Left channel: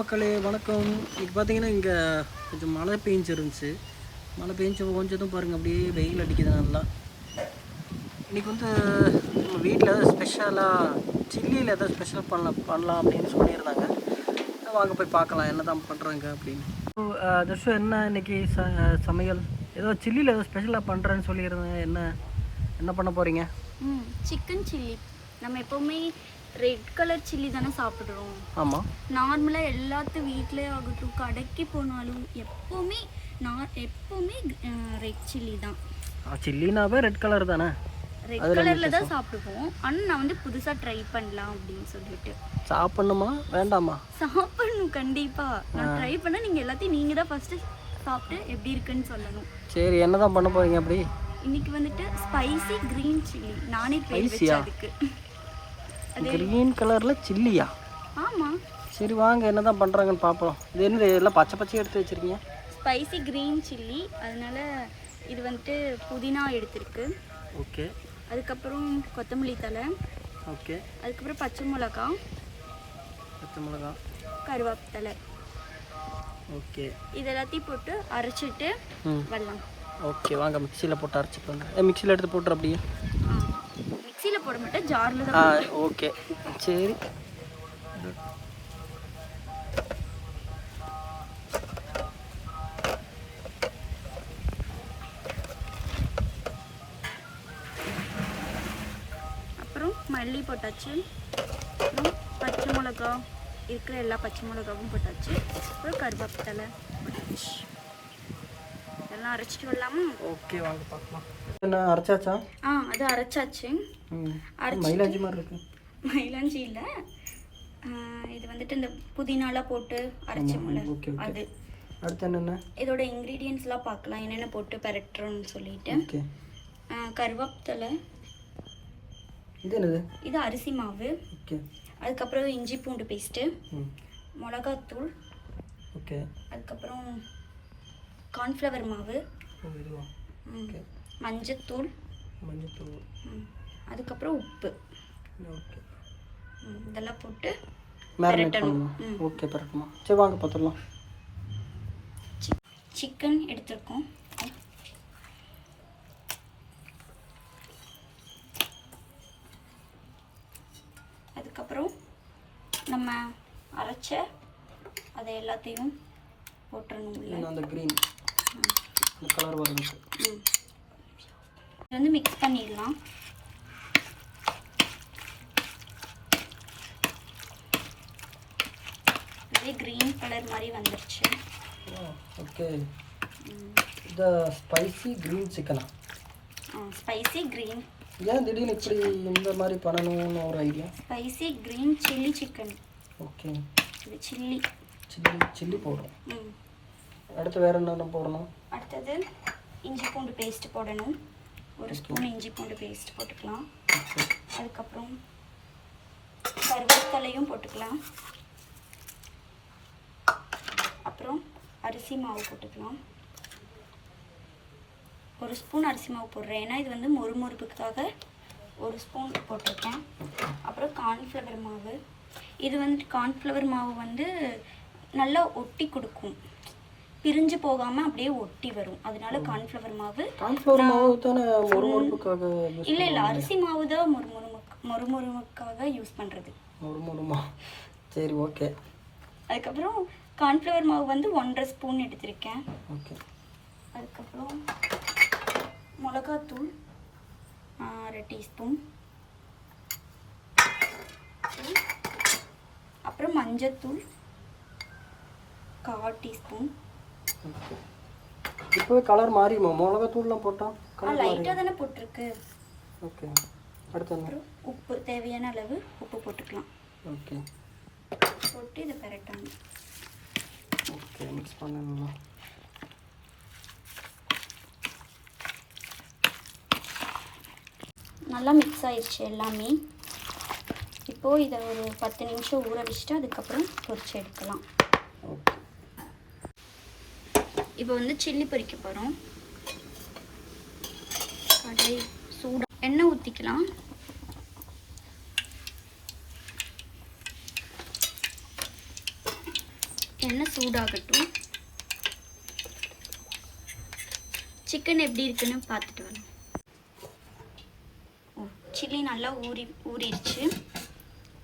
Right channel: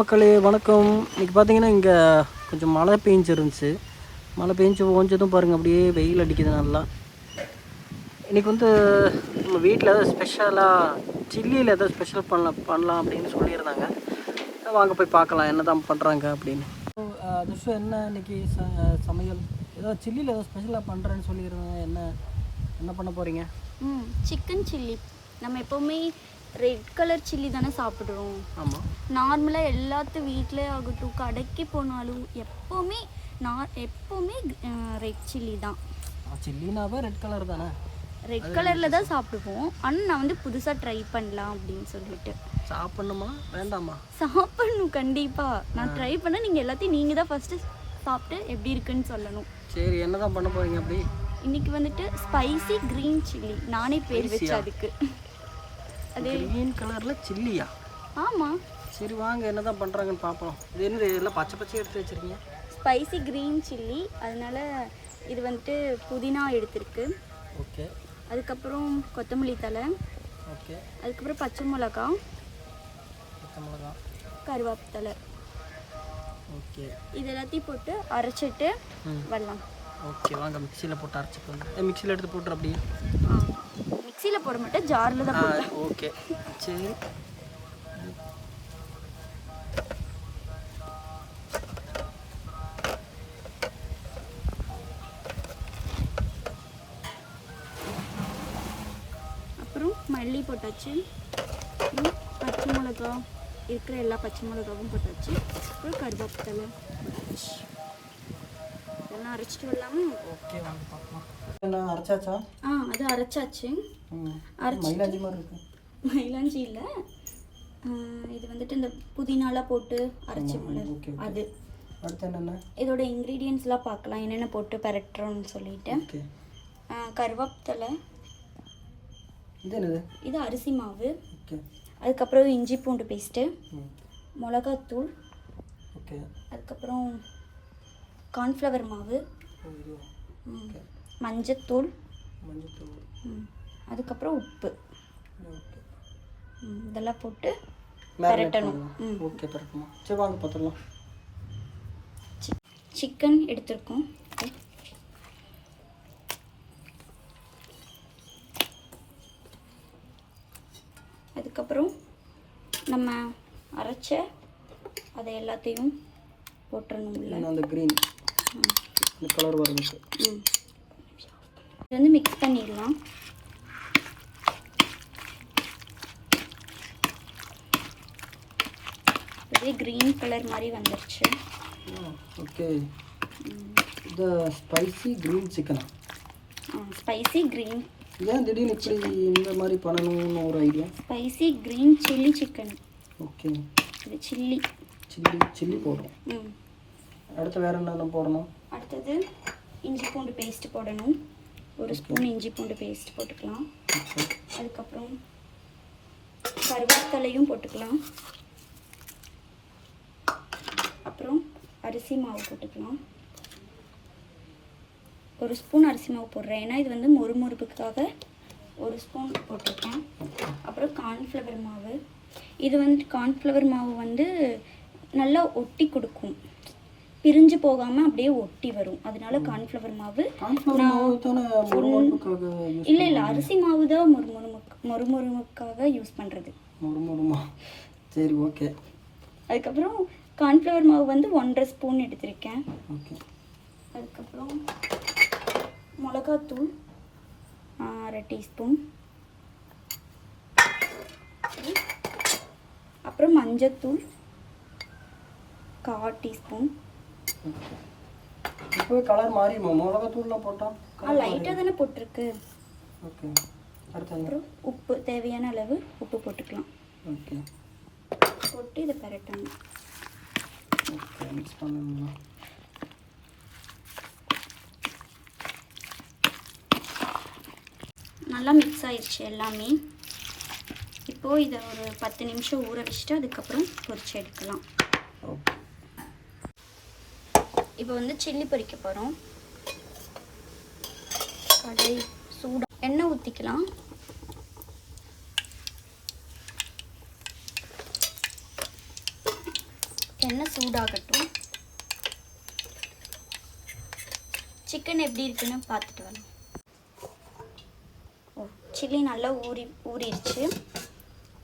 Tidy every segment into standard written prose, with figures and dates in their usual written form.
மக்களே வணக்கம். இன்றைக்கி பார்த்தீங்கன்னா இங்கே கொஞ்சம் மழை பெஞ்சிருந்துச்சு. மழை பெஞ்சு ஓஞ்சதும் பாருங்கள் அப்படியே வெயில் அடிக்குது நல்லா. இன்றைக்கி வந்து நம்ம வீட்டில் ஏதாவது ஸ்பெஷலாக சில்லியில் ஏதாவது ஸ்பெஷல் பண்ணலாம் அப்படின்னு சொல்லியிருந்தாங்க. வாங்க போய் பார்க்கலாம் என்ன தான் பண்ணுறாங்க அப்படின்னு. தர்ஷம் என்ன இன்றைக்கி சமையல் ஏதோ சில்லியில் ஏதோ ஸ்பெஷலாக பண்ணுறேன்னு சொல்லியிருந்தாங்க. என்ன பண்ண போகிறீங்க? Chicken chilli. நம்ம எப்போவுமே ரெட் கலர் சில்லி தானே சாப்பிட்றோம். ஆமாம், நார்மலாக எல்லாத்து வீட்டிலே ஆகட்டும், கடைக்கு போனாலும் எப்போவுமே ரெட் சில்லி தான். சில்லினாவே ரெட் கலர் தானே, ரெட் கலரில் தான் சாப்பிடுவோம். ஆனால் நான் வந்து புதுசாக ட்ரை பண்ணலாம் அப்படின்னு சொல்லிட்டு. சாப்பிட்ணுமா வேண்டாமா? சாப்பிடணும் கண்டிப்பாக. நான் ட்ரை பண்ணால் நீங்கள் தான் ஃபஸ்ட்டு சாப்பிட்டு எப்படி இருக்குன்னு சொல்லணும். சரி, என்ன தான் பண்ண போகிறீங்க அப்படி? இன்னைக்கு வந்துட்டு ஸ்பைசி கிரீன் சில்லி. நானே பேர் வச்சேன் அதுக்கு. கிரீன் கலர்ல சில்லியா? ஆமா. சரி வாங்க என்ன தான் பண்றாங்கன்னு பாப்போம். இது என்னது எல்லாம் பச்சை பச்சையா எடுத்து வச்சிருக்கீங்க? Spicy green chilli. அதனால இது வந்துட்டு புதினா எடுத்திருக்கு. ஓகே. அதுக்கப்புறம் கொத்தமல்லி தழை. ஓகே. அதுக்கப்புறம் பச்சை மிளகாய், கருவேப்பிலை. ஓகே. இது எல்லாத்தையும் போட்டு அரைச்சிட்டு வரலாம். ஓகே வாங்க மிக்சியில் போட்டு அரைச்சிட்டு வந்து மிக்சியில் எடுத்து போட்டுரு அப்படியே. மிக்சியில் போட மாட்டேன், ஜாரில் தான். ஓகே சரி. அப்புறம் மல்லி போட்டாச்சு. அப்புறம் பச்சை மிளகா இருக்கிற எல்லா பச்சை மிளகாவும் போட்டாச்சு. அப்புறம் கருவேப்பிலை இதெல்லாம் அரைச்சிட்டு வரலாமா? ஓகே வாங்க பார்க்கலாம். என்ன அரைச்சாச்சா? அது அரைச்சாச்சு. மயிலாஞ்சி மாதிரி இருக்கு. மயிலாஞ்சி இல்லை, இது வந்துட்டு இந்த புதினாலாம் போட்டு அரைச்சோம்ல அது. அடுத்து என்னென்ன இதோட இன்க்ரீடியன்ஸ்லாம் பார்க்கலாம் என்னென்ன போட்டு பெரட்டுறோம்னு சொல்லிட்டு. ஓகே. கருவேப்பிலை. இது என்னது? இது அரிசி மாவு. ஓகே. அதுக்கப்புறம் இஞ்சி பூண்டு பேஸ்ட்டு, மிளகாத்தூள். ஓகே. அதுக்கப்புறம் கார்ன்ஃப்ளவர் மாவு, மஞ்சத்தூள், அதுக்கப்புறம் உப்பு. ஓகே. இதெல்லாம் போட்டு பெரட்டணும். ஓகே பெரட்டணுமா? சரி வாங்க பார்த்துடலாம். சிக்கன் எடுத்துருக்கோம். அதுக்கப்புறம் நம்ம அரைச்ச அதை எல்லாத்தையும் போட்டுறணும். அந்த க்ரீன் அந்த கலர் வரதுக்கு இது வந்து மிக்ஸ் பண்ணிடலாம். இதே க்ரீன் கலர் மாதிரி வந்துருச்சு. ஓகே. இந்த ஸ்பைசி க்ரீன் சிக்கனா? Spicy green. ஏன் திடீர்னு இப்படி இந்த மாதிரி பண்ணணும்னு ஒரு idea? Spicy green chilli chicken. Okay. இது சில்லி போடுறோம். அடுத்து வேறு என்னென்ன போடணும்? அடுத்தது இஞ்சி பூண்டு பேஸ்ட் போடணும். ஒரு ஸ்பூன் இஞ்சி பூண்டு பேஸ்ட் போட்டுக்கலாம். அதுக்கப்புறம் கருவேப்பிலையும் போட்டுக்கலாம். அப்புறம் அரிசி மாவு போட்டுக்கலாம். ஒரு ஸ்பூன் அரிசி மாவு போடுறேன், ஏன்னா இது வந்து மொறுமொறுப்புக்காக ஒரு ஸ்பூன் போட்டிருக்கேன். அப்புறம் கார்ன்ஃப்ளவர் மாவு. இது வந்து கார்ன்ஃப்ளவர் மாவு வந்து நல்லா ஒட்டி கொடுக்கும், பிரிஞ்சு போகாமல் அப்படியே ஒட்டி வரும். அதனால கார்ன்ஃப்ளவர் மாவு. இல்லை அரிசி மாவு தான் மொறுமொறுமுக்காக யூஸ் பண்ணுறது. சரி ஓகே. அதுக்கப்புறம் கார்ன்ஃப்ளவர் மாவு வந்து 1.5 ஸ்பூன் எடுத்திருக்கேன். ஓகே. அதுக்கப்புறம் மிளகாத்தூள் 1/2 டீஸ்பூன். அப்புறம் மஞ்சத்தூள் 1/4 டீஸ்பூன். இப்போ கலர் மாறிடுமா மிளகாத்தூள்லாம் போட்டால்? லைட்டாக தானே போட்டிருக்கு. ஓகே. அடுத்து அப்புறம் உப்பு, தேவையான அளவு உப்பு போட்டுக்கலாம். ஓகே. போட்டு இதை பெரட்டணும். ஓகே மிக்ஸ் பண்ணணும். நல்லா மிக்ஸ் ஆயிடுச்சு எல்லாமே. இப்போது இதை ஒரு 10 நிமிஷம் ஊற வச்சுட்டு அதுக்கப்புறம் பொரிச்சு எடுக்கலாம். ஓகே. இப்போ வந்து சில்லி பொரிக்க போகிறோம். கடாய் சூடாக எண்ணெய் ஊற்றிக்கலாம். எண்ணெய் சூடாகட்டும். சிக்கன் எப்படி இருக்குன்னு பார்த்துட்டு வரலாம். சில்லி நல்லா ஊறிடுச்சு.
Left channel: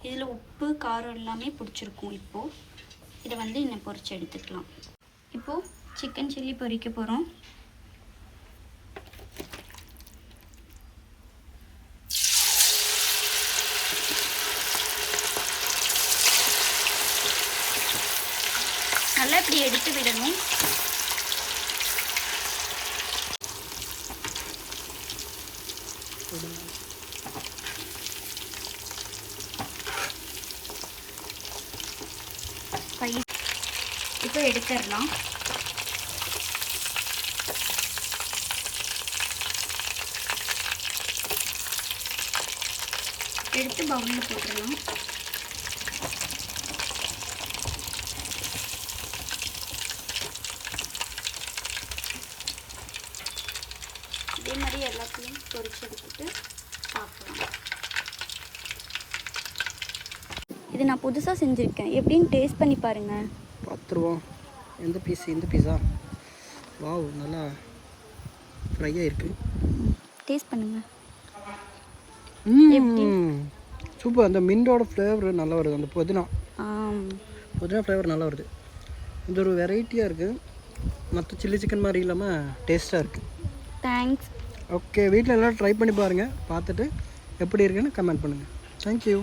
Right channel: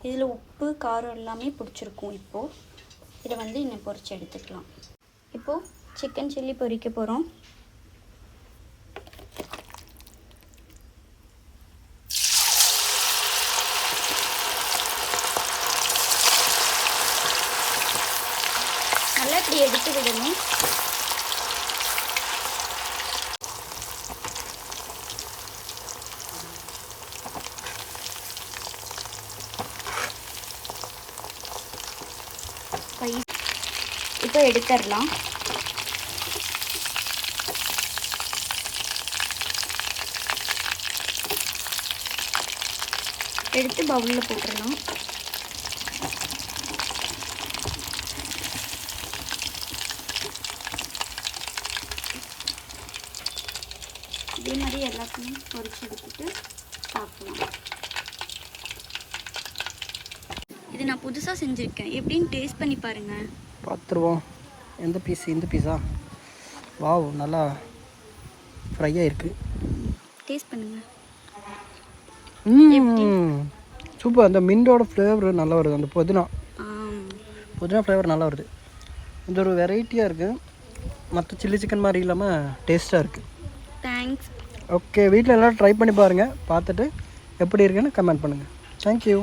இதில் உப்பு காரம் எல்லாமே பிடிச்சிருக்கும். இப்போது இதை வந்து இன்னும் பொரிச்சு எடுத்துக்கலாம். இப்போது சிக்கன் சில்லி பொரிக்க போகிறோம். நல்லா இப்படி எடுத்து விடணும். இப்போ எடுத்துடலாம். எடுத்து பவுலில் போட்டுடலாம். இதே மாதிரி எல்லாத்தையும் பொரிச்சு எடுத்துட்டு சாப்பிடலாம். இது நான் புதுசாக செஞ்சுருக்கேன். எப்படின்னு டேஸ்ட் பண்ணி பாருங்கள். பார்த்துருவோம். எந்த பீஸ்? இந்த பீஸா? வாவ், நல்லா ஃப்ரையாக இருக்குது. டேஸ்ட் பண்ணுங்கள். சூப்பர். அந்த மின்டோட ஃப்ளேவர் நல்லா வருது. அந்த புதினா ஃப்ளேவர் நல்லா வருது. இந்த ஒரு வெரைட்டியாக இருக்குது. மற்ற சில்லி சிக்கன் மாதிரி இல்லாமல் டேஸ்ட்டாக இருக்குது. தேங்க்ஸ். ஓகே, வீட்டில் எல்லோரும் ட்ரை பண்ணி பாருங்கள். பார்த்துட்டு எப்படி இருக்குன்னு கமெண்ட் பண்ணுங்கள். தேங்க்யூ.